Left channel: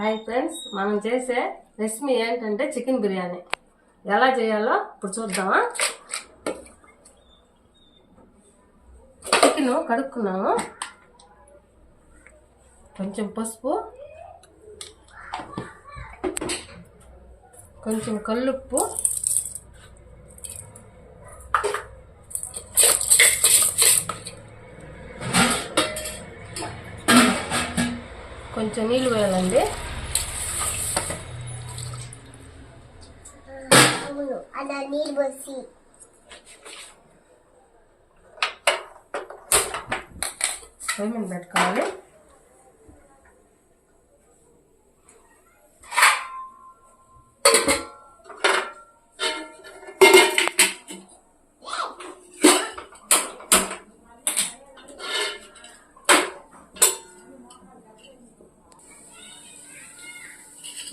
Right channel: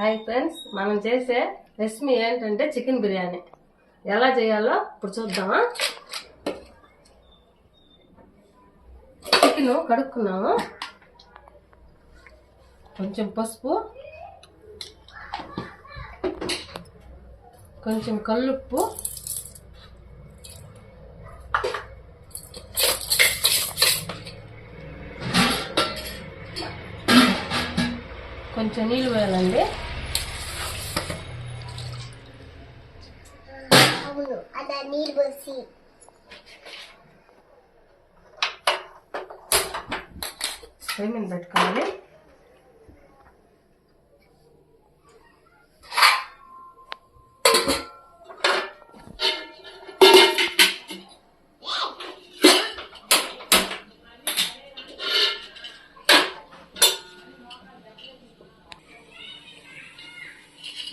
Hi friends మనం చేసే recipe ఏంటంటే చికెన్ బిర్యానీ. ఎలా చేయాలో ఇప్పుడు చూద్దామా? చికెన్ కడుక్కున్నాము. కొంచెం పసుపు కొంచెం కల్లుప్పు కొంచెం నీళ్ళు వేయాలండి పొయ్యి మీద పెట్టుకోవాలి.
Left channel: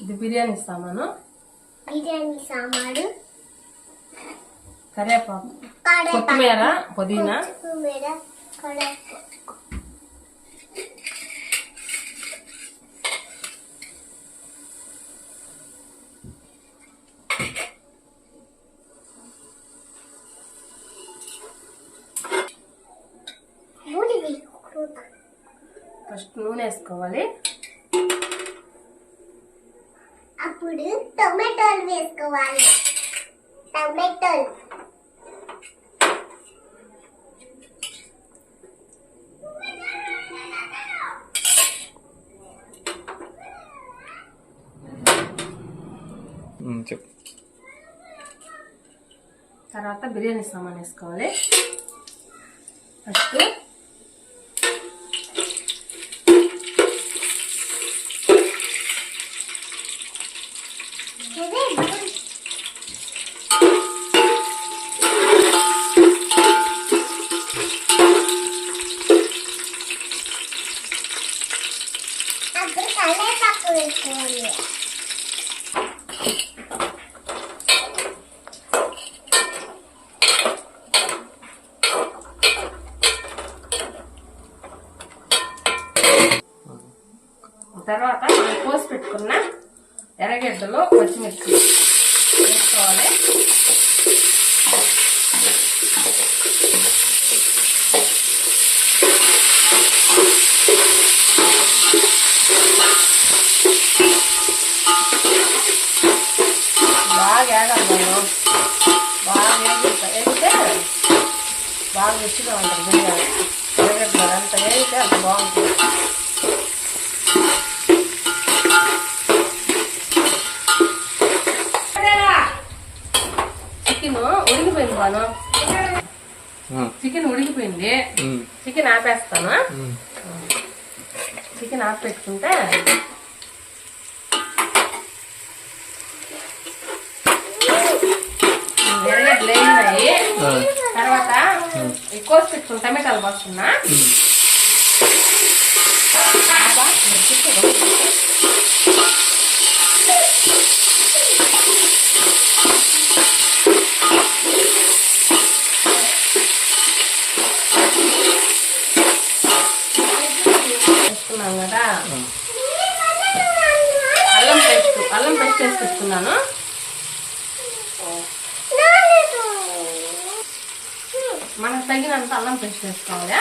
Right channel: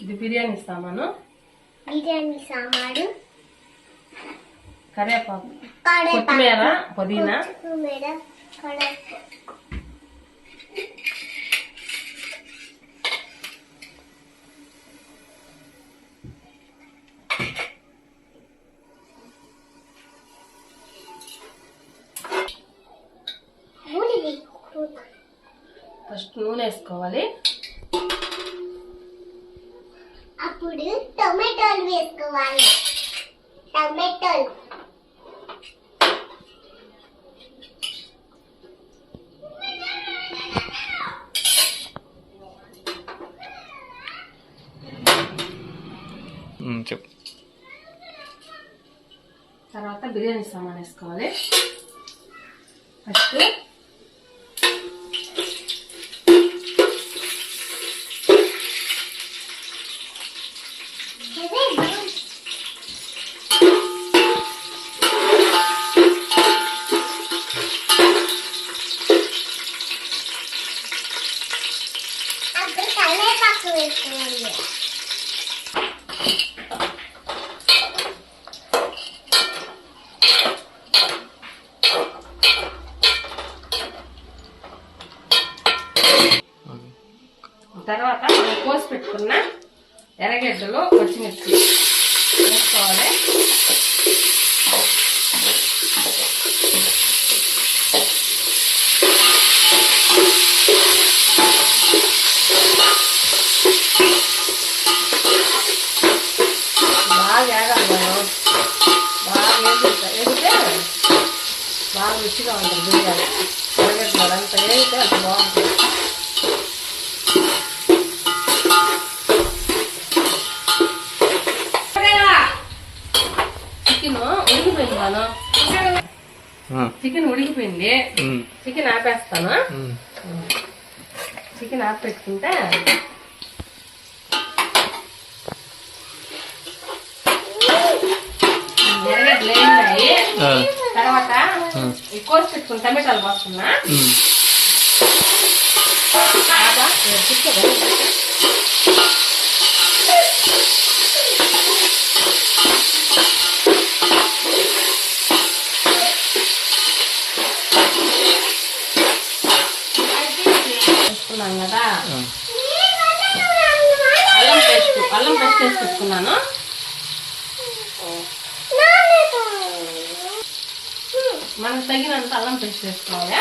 ఇది బిర్యానీ సామాను. బిర్యానీ సామాను. కరివేపాకు కడప కొత్తిమీర పుదీనా కొత్తిమీర కడప నూనె వేసుకుంటా. ఫస్ట్ నూనె వేసుకోవాలి అప్పుడు టొమాటోలు వేసుకోవాలి. టొమాటోలు. చెప్పు. తర్వాత బిర్యానీ సామాన్ వేసుకోవాలి. ఫస్ట్ కరివేపాకు వేసుకోవాలి తర్వాత మనం కోసి పెట్టుకున్న ఎర్రగడ్డలు పచ్చిమిర్చి వేసుకోవాలి బాగా ఏడాలి మనం బాగా వేగుతా వేగితే రుచిగా ఉంటుంది బిర్యానీ. అంత వేగితే అంత బాగుంటుంది. చికెన్ ఉడికిపోయింది మనం చికెన్ ఉడికిపోయింది. చికెన్ ఆపేస్తాను. చికెన్ ఆపి పెట్టుకుంటే వేగినాయి ఆ, తర్వాత ఈ కోసి పెట్టుకుని టమాటాలు పోస్తున్నా. కదా. అల్లం పేస్ట్ అల్లం పేస్ట్ వేసి పెట్టుకున్నాను. మనకు తగినంత అల్లం పేస్ట్ వేసుకోవాలి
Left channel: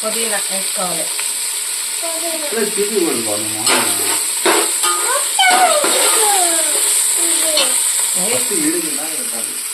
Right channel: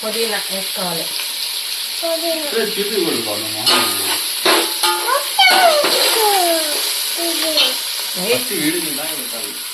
పుదీనా వేసుకోవాలి. వేసేయ్.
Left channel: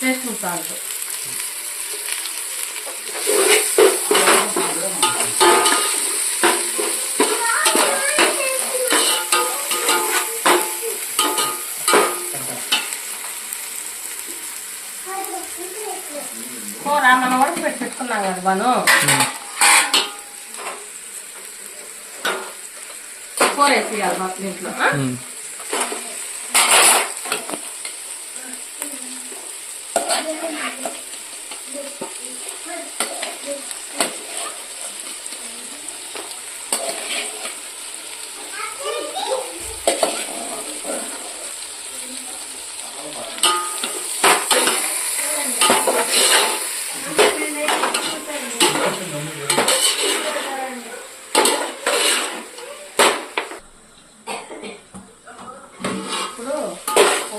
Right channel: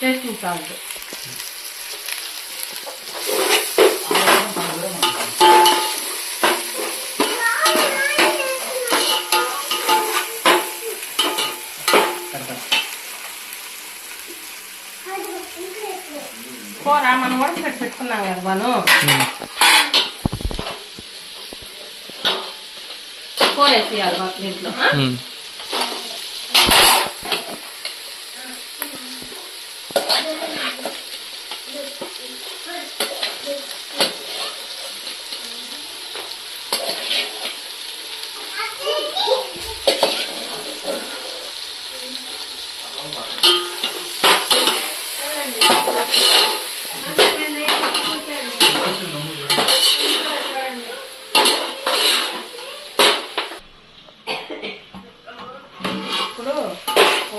టేస్టింగ్ సాల్ట్ కూర మనం ఉడకబెట్టి పెట్టుకున్నాం కదా మనం కూర వేసేయాలి దీంట్లో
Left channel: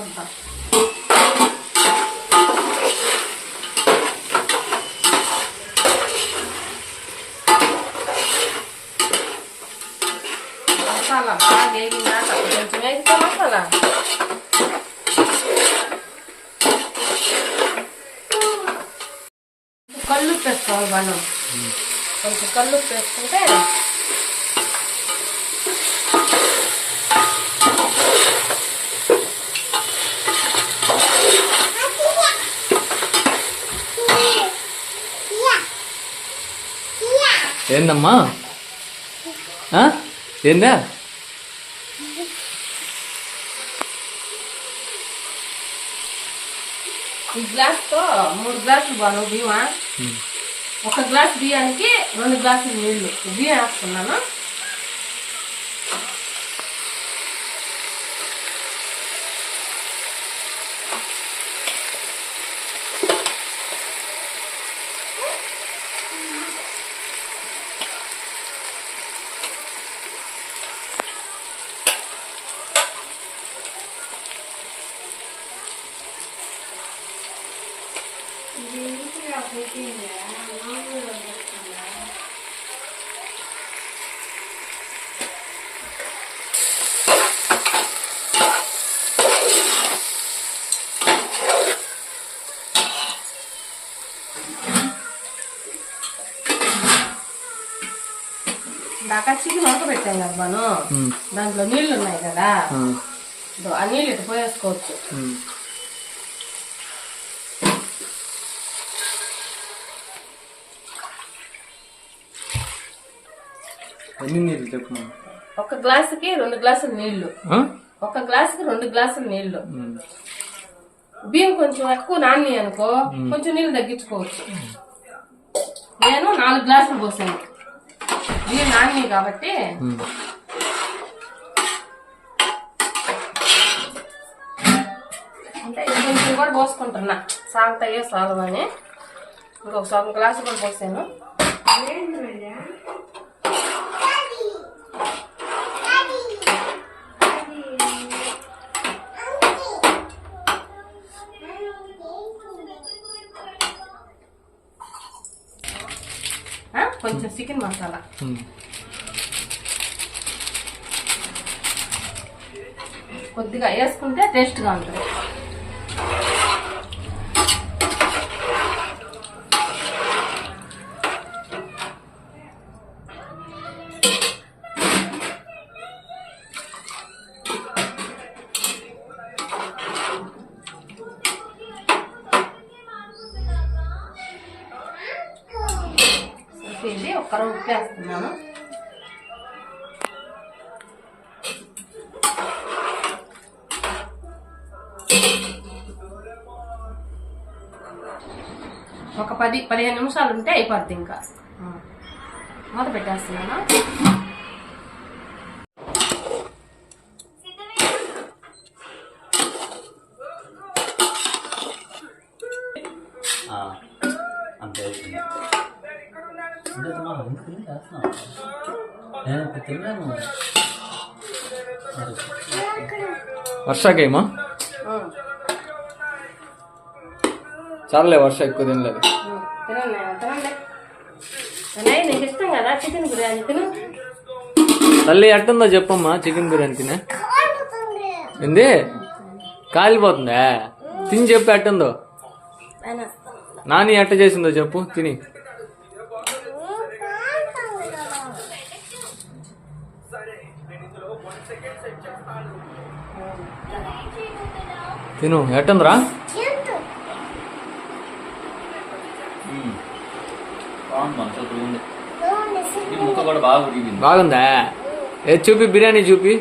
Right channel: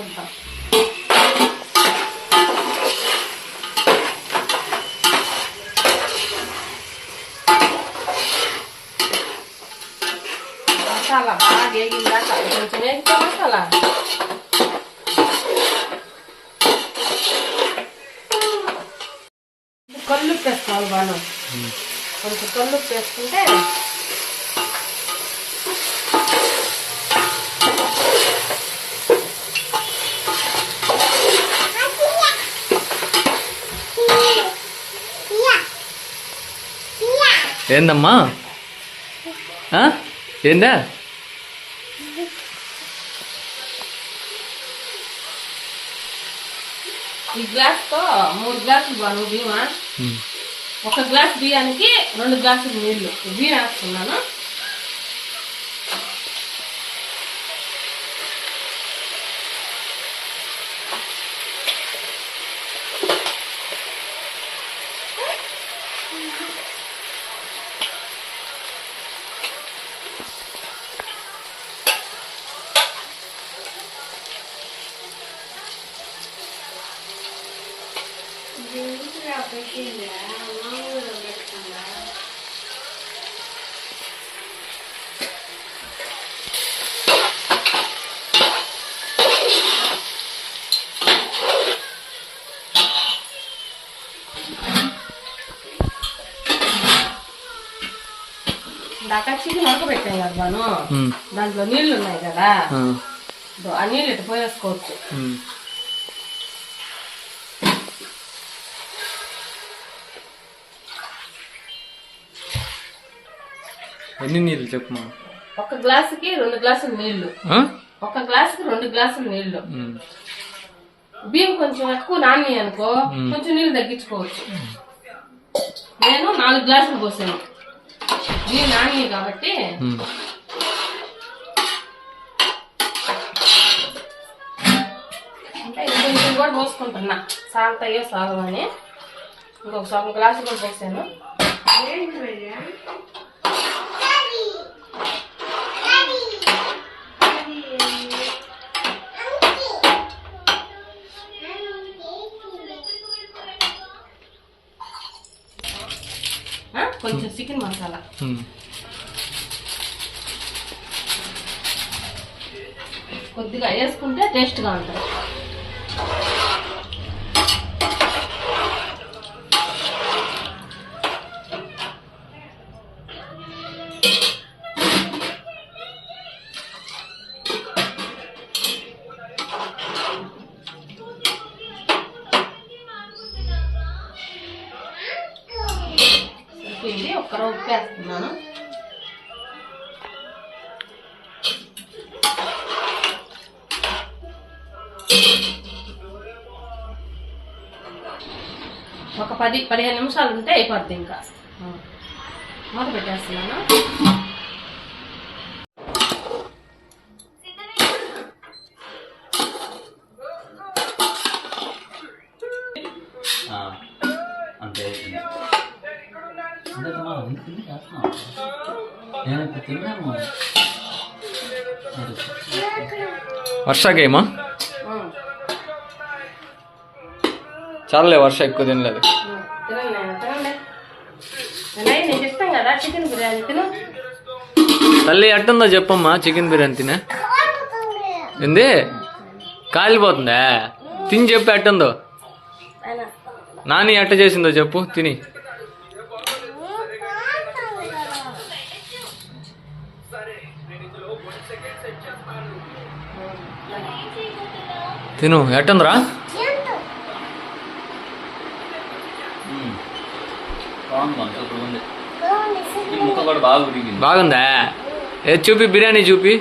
చూద్దాం మసాలా బాగా వేగిందాక కొంచెం వేగితే మసాలా కళ్ళు వేసుకోవాలి బాను కొంచెం కళ్ళు వేసుకుంటే ఏందమ్మా? ఏందా? ఈ గ్లాస్తో మూడు గ్లాసులు బాను బియ్యమా. ఒక గ్లాస్ బియ్యానికి రెండు గ్లాసులు నీళ్ళు బియ్యం వేస్తున్నాను ఇందాక చికెన్ ఉడకబెట్టాం కదా ఉమ్. దాంట్లో నీళ్ళు ఉన్నాయి కదా. ఆ. నీళ్ళు ఇటు పోయేసుకోవచ్చు. ఎన్ని నీళ్ళు చెప్పమా ఒక గ్లాసుకి రెండు గ్లాసులు నీళ్ళు? ఒక గ్లాసుకి రెండు గ్లాసులు నీళ్ళు. బియ్యం కొంచెం ఎక్కువ నాని అనుకో కొంచెం నీళ్ళు తగ్గించుకోవచ్చు. నేను నాలుగు గ్లాసులు పోసాను. బియ్యం నాని కాబట్టి. అంటే కొంచెం కూడా పోసుకుంటున్నా. సాగుతాయో సాగవని. ఇంకొక సగం గ్లాసు కూడా పోసాను ఆ, కొంచెం చికెన్ మసాలా. కొద్దిగా వేసుకుంటే టేస్ట్గా ఉంటుంది వేస్తున్నాను ఒక పది పదిహేను నిమిషాలు ఉంటే అయిపోద్ది ఇంకా ఆ. మూత పెట్టేస్తున్నాను తిని చేస్తున్నావు నేను ఇప్పుడు తిన్నాను ఆ. చాలే వర్ష ఎక్కువ తినలేదు. తల్లి ఎట్టుందో చెప్పమ్మా చికెన్ బిర్యానీ తినే. ఏంది? కాలిపోతుందా? తిని చెప్పు ఎట్టుందో. నాని ఎట్ట చేసిందో చెప్పు తిని తిను ఎట్టుందిరా ఉమ్. బాగుంది మన సూపర్ ఉంది బాగుంది ఈ ముక్క కూడా బాగా ఉడిగింది బాగుందా? ఏ చూపి బిర్యానీ చూపి.